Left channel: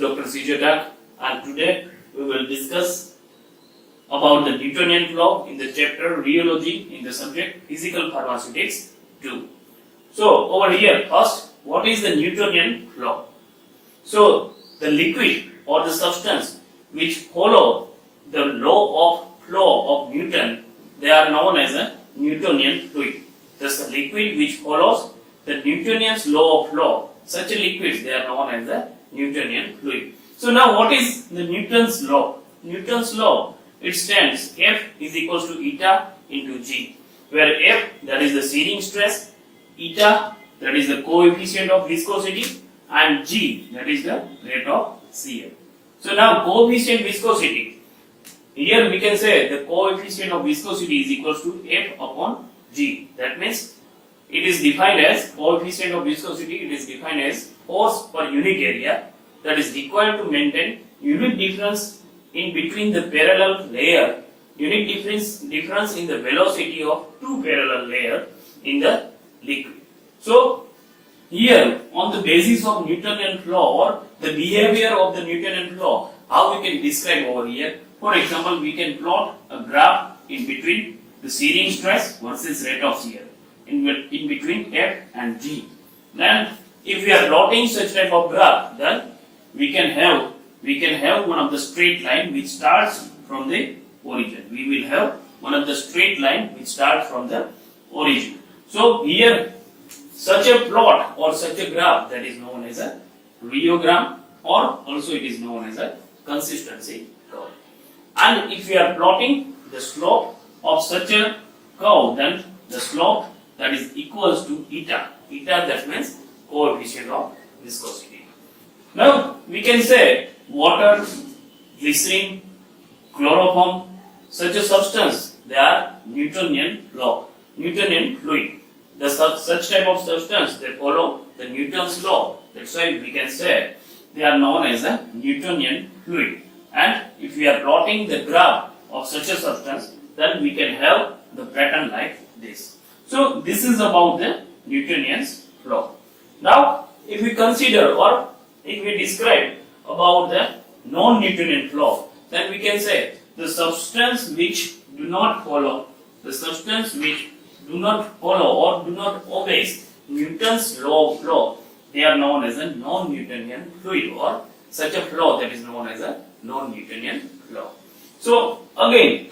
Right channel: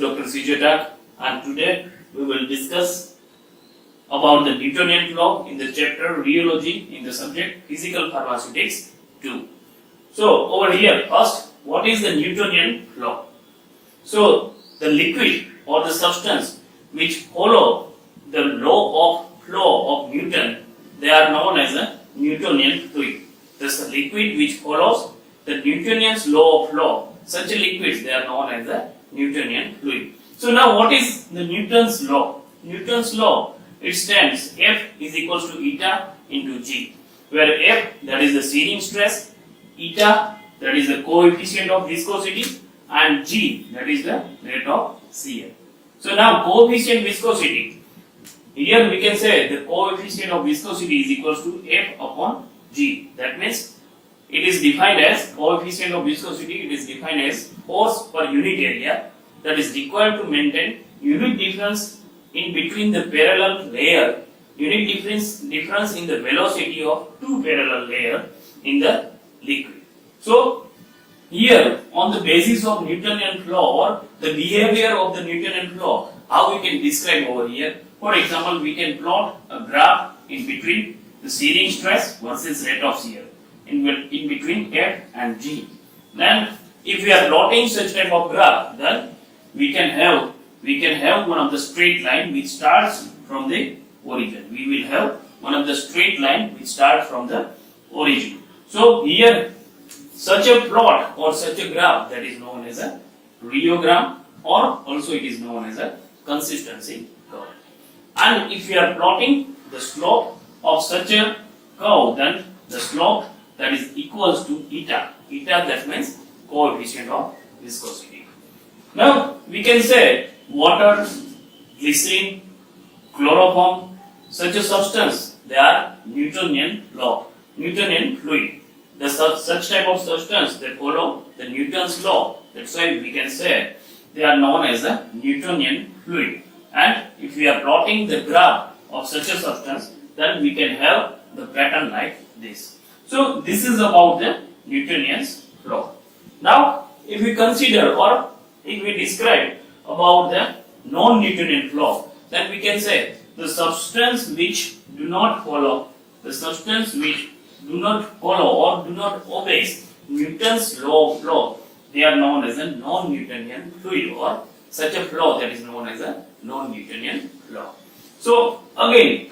Dr. CJ Tak, and today we will discuss about the Newtonian law in the chapter Rheology in the subject Physical Pharmaceutics 2. So over here, first, what is the Newtonian law? So the liquid or the substance which follow the law of flow of Newton, they are known as a Newtonian fluid. Thus the liquid which follows the Newtonian's law of flow, such a liquids they are known as the Newtonian fluid. So now what is the Newton's law? Newton's law, it stands F is equals to eta into G, where F that is the shearing stress, eta that is the coefficient of viscosity, and G that is the rate of shear. So now coefficient viscosity, here we can say the coefficient of viscosity is equals to F upon G. That means it is defined as coefficient of viscosity, it is defined as force per unit area that is required to maintain unit difference in between the parallel layer, unit difference in the velocity of two parallel layers in the liquid. So here on the basis of Newtonian law or the behavior of the Newtonian law, how we can describe over here? For example, we can plot a graph in between the shearing stress versus rate of shear in between F and G. Then if we are plotting such type of graph, then we can have one of the straight line which starts from the origin. We will have one of the straight line which starts from the origin. So here such a plot or such a graph that is known as a rheogram, or also it is known as a consistency curve. And if we are plotting the slope of such a curve, then the slope that is equals to eta. Eta that means coefficient of viscosity. Now we can say water, glycerin, chloroform, such a substance, they are Newtonian law, Newtonian fluid. The such type of substance, they follow the Newton's law. That's why we can say they are known as a Newtonian fluid. And if we are plotting the graph of such a substance, then we can have the pattern like this. So this is about the Newtonian's law. Now if we consider or if we describe about the non-Newtonian law, then we can say the substance which do not follow or do not obey Newton's law of flow, they are known as a non-Newtonian fluid, or such a flow that is known as a non-Newtonian flow. So again,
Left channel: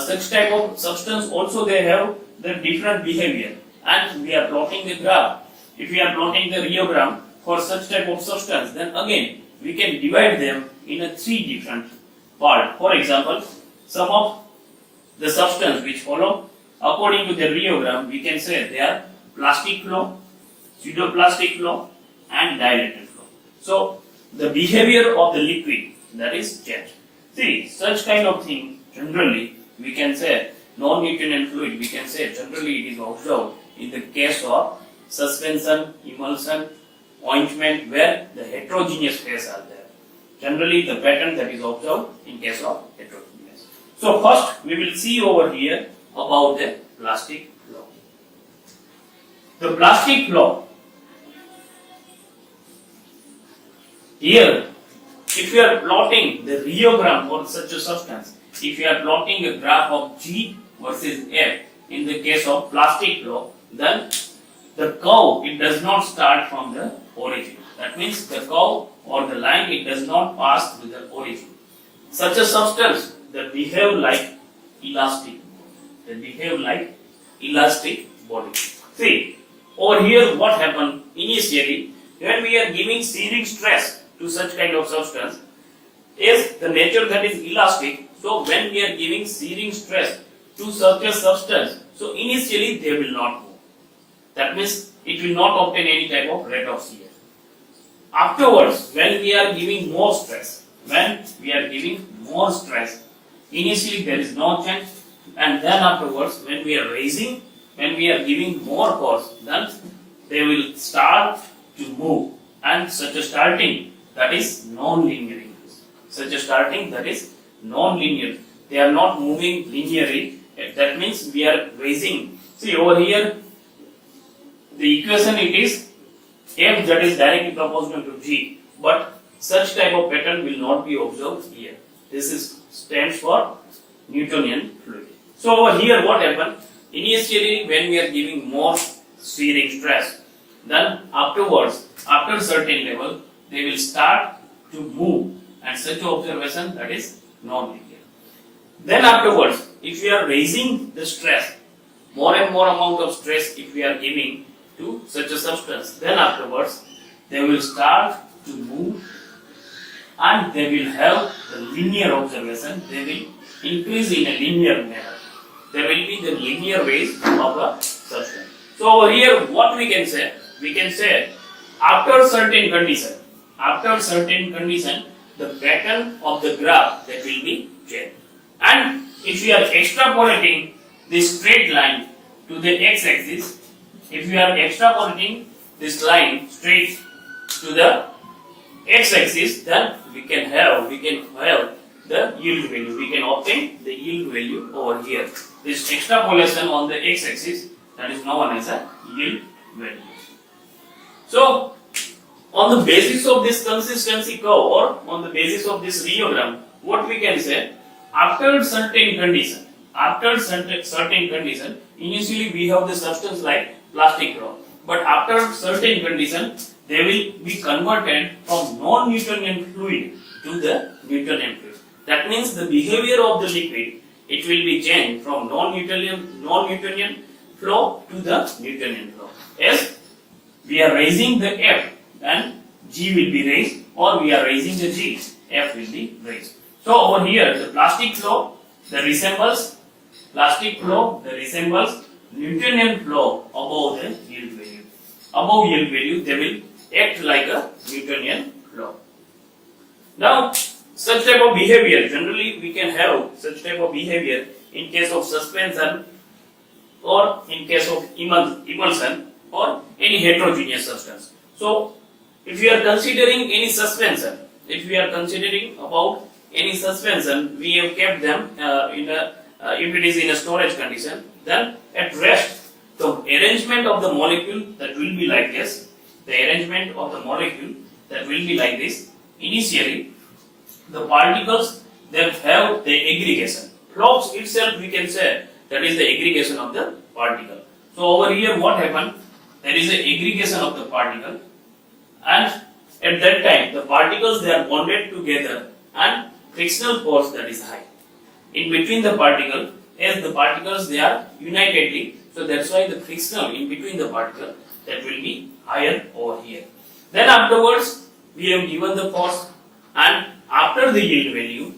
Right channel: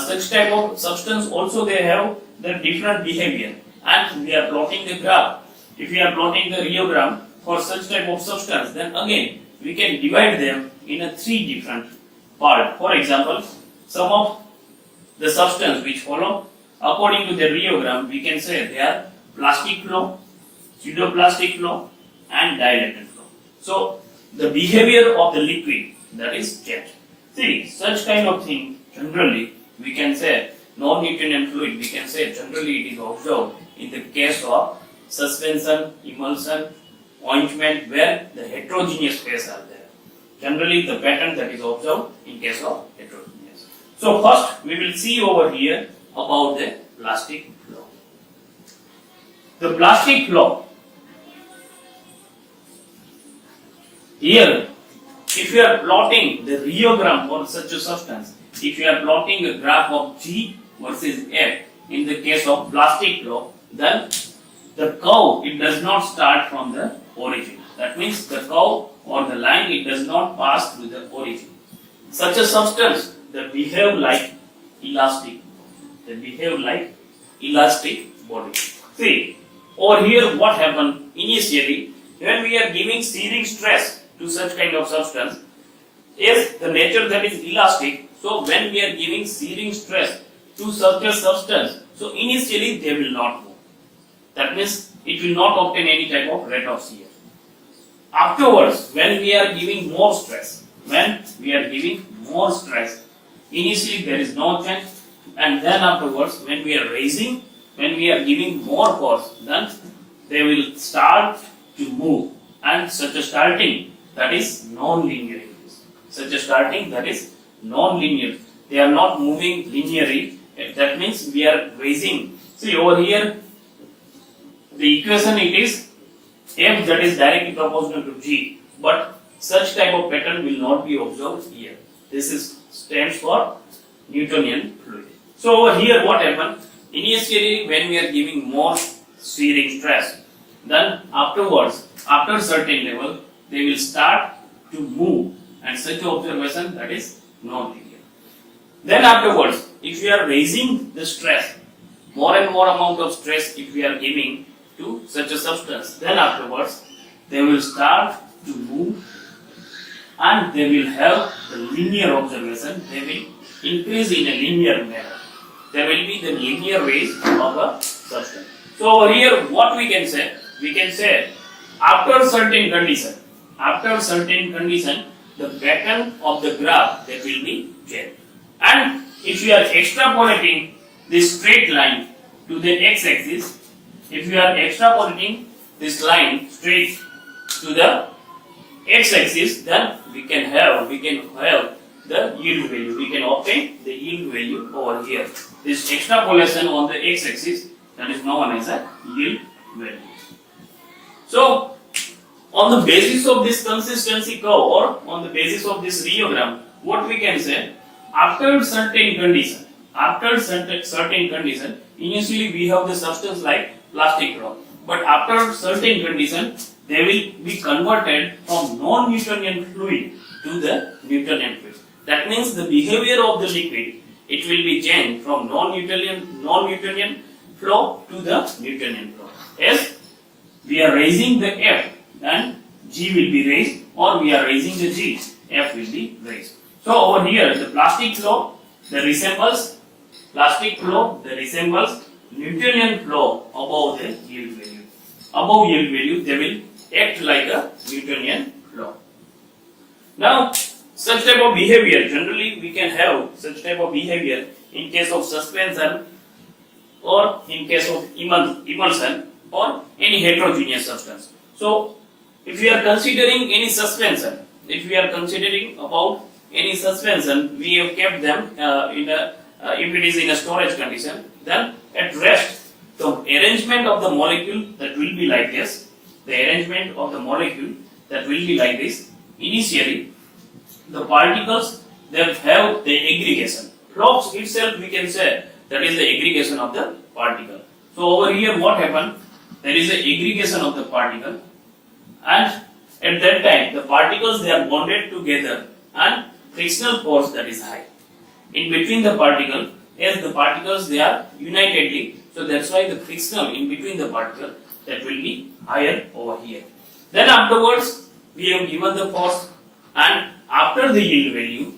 such type of substance also they have the different behavior, and we are plotting the graph. If we are plotting the rheogram for such type of substance, then again we can divide them in a three different parts. For example, some of the substance which follow according to the rheogram, we can say they are plastic flow, pseudoplastic flow, and dilated flow. So the behavior of the liquid, that is changed. See, such kind of thing generally we can say non-Newtonian fluid, we can say generally it is observed in the case of suspension, emulsion, ointment, where the heterogeneous phase are there. Generally the pattern that is observed in case of heterogeneous. So first we will see over here about the plastic flow. The plastic flow, here if you are plotting the rheogram for such a substance, if you are plotting a graph of G versus F in the case of plastic flow, then the curve, it does not start from the origin. That means the curve or the line, it does not pass through the origin. Such a substance, they behave like elastic. They behave like elastic body. See, over here what happened initially, when we are giving shearing stress to such kind of substance, is the nature that is elastic. So when we are giving shearing stress to such a substance, so initially they will not move. That means it will not obtain any type of rate of shear. Afterwards, when we are giving more stress, initially there is no change, and then afterwards when we are giving more force, then they will start to move, and such a starting that is non-linear. They are not moving linearly. That means we are raising. See over here, the equation it is F that is directly proportional to G, but such type of pattern will not be observed here. This is stands for Newtonian fluid. So over here what happened? Initially when we are giving more shearing stress, then afterwards, after certain level, they will start to move, and such observation that is non-linear. Then afterwards, if we are raising the stress, more and more amount of stress if we are giving to such a substance, then afterwards they will start to move and they will have the linear observation, they will increase in a linear manner. There will be the linear raise of the substance. So over here what we can say? We can say after certain condition, the pattern of the graph that will be changed. And if we are extrapolating this straight line to the x-axis, if we are extrapolating this line straight to the x-axis, then we can have the yield value. We can obtain the yield value over here. This extrapolation on the x-axis, that is known as a yield value. So, on the basis of this consistency curve or on the basis of this rheogram, what we can say, after certain condition, initially we have the substance like plastic rock, but after certain condition, they will be converted from non-Newtonian fluid to the Newtonian fluid. That means the behavior of the liquid, it will be changed from non-Newtonian flow to the Newtonian flow. As we are raising the F, then G will be raised, or we are raising the G, F will be raised. So over here, the plastic flow, that resembles Newtonian flow above the yield value. Above yield value, they will act like a Newtonian flow. Now, such type of behavior, generally we can have such type of behavior in case of suspension or in case of emulsion or any heterogeneous substance. So, if we are considering any suspension, we have kept them if it is in a storage condition, then at rest, the arrangement of the molecule that will be like this. Initially, the particles that have the aggregation. Flux itself, we can say that is the aggregation of the particle. So over here, what happened? There is an aggregation of the particle, and at that time, the particles they are bonded together, and frictional force that is high in between the particle. As the particles they are unitedly, so that's why the friction in between the particle that will be higher over here. Then afterwards, we have given the force, and after the yield value,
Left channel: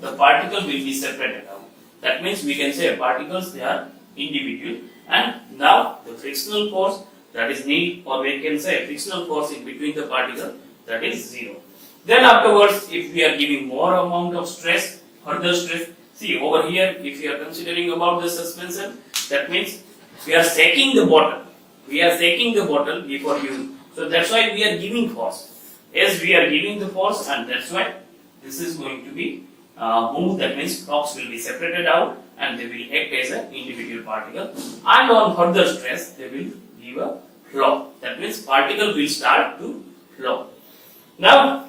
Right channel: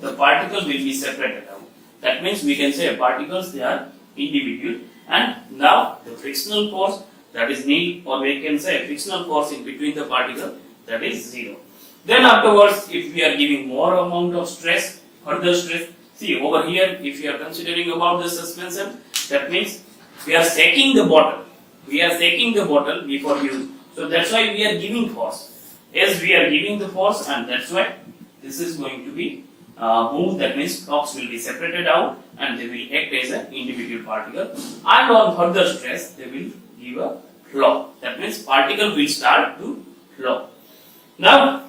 the particle will be separated out. That means we can say particles they are individual, and now the frictional force that is nil, or we can say frictional force in between the particle that is 0. Then afterwards, if we are giving more amount of stress, further stress, see over here, if you are considering about the suspension, that means we are shaking the bottle. Before use. So that's why we are giving force. As we are giving the force, and that's why this is going to be moved. That means flux will be separated out, and they will act as an individual particle. And on further stress, they will give a flow. That means particle will start to flow. Now,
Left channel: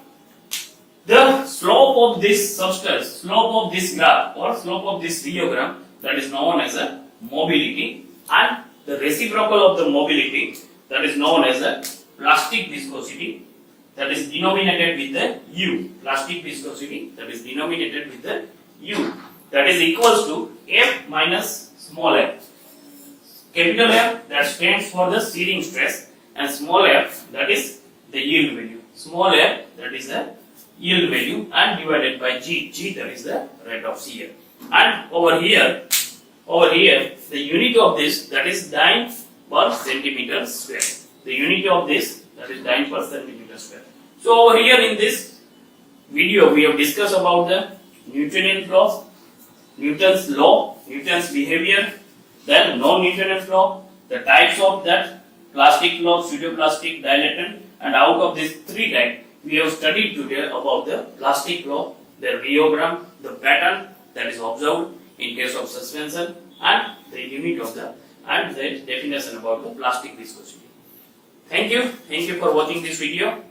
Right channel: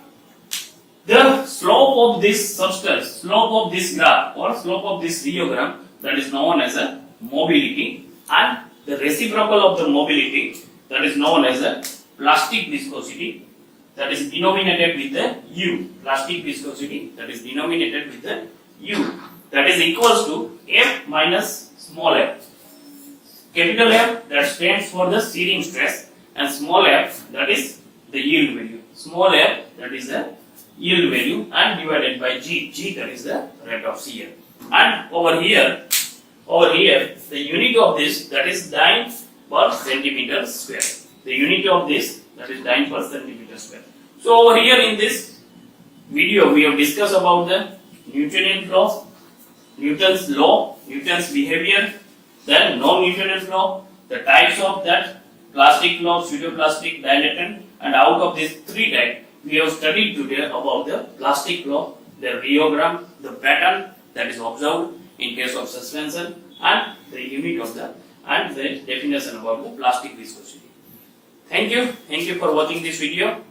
the slope of this substance, slope of this graph or slope of this rheogram, that is known as a mobility, and the reciprocal of the mobility, that is known as a plastic viscosity, that is denominated with the U. Plastic viscosity, that is denominated with the U, that is equals to F minus small f. Capital F, that stands for the shearing stress, and small f, that is the yield value. Small f, that is the yield value, and divided by G, that is the rate of shear. And over here, the unit of this, that is dyne per centimeter square. The unit of this, that is dyne per centimeter square. So over here in this video, we have discussed about the Newtonian laws, Newton's law, Newton's behavior, then non-Newtonian law, the types of that, plastic law, pseudoplastic, dilatant, and out of these three types, we have studied today about the plastic law, the rheogram, the pattern that is observed in case of suspension, and the unit of the, and the definition about the plastic viscosity. Thank you for watching this video.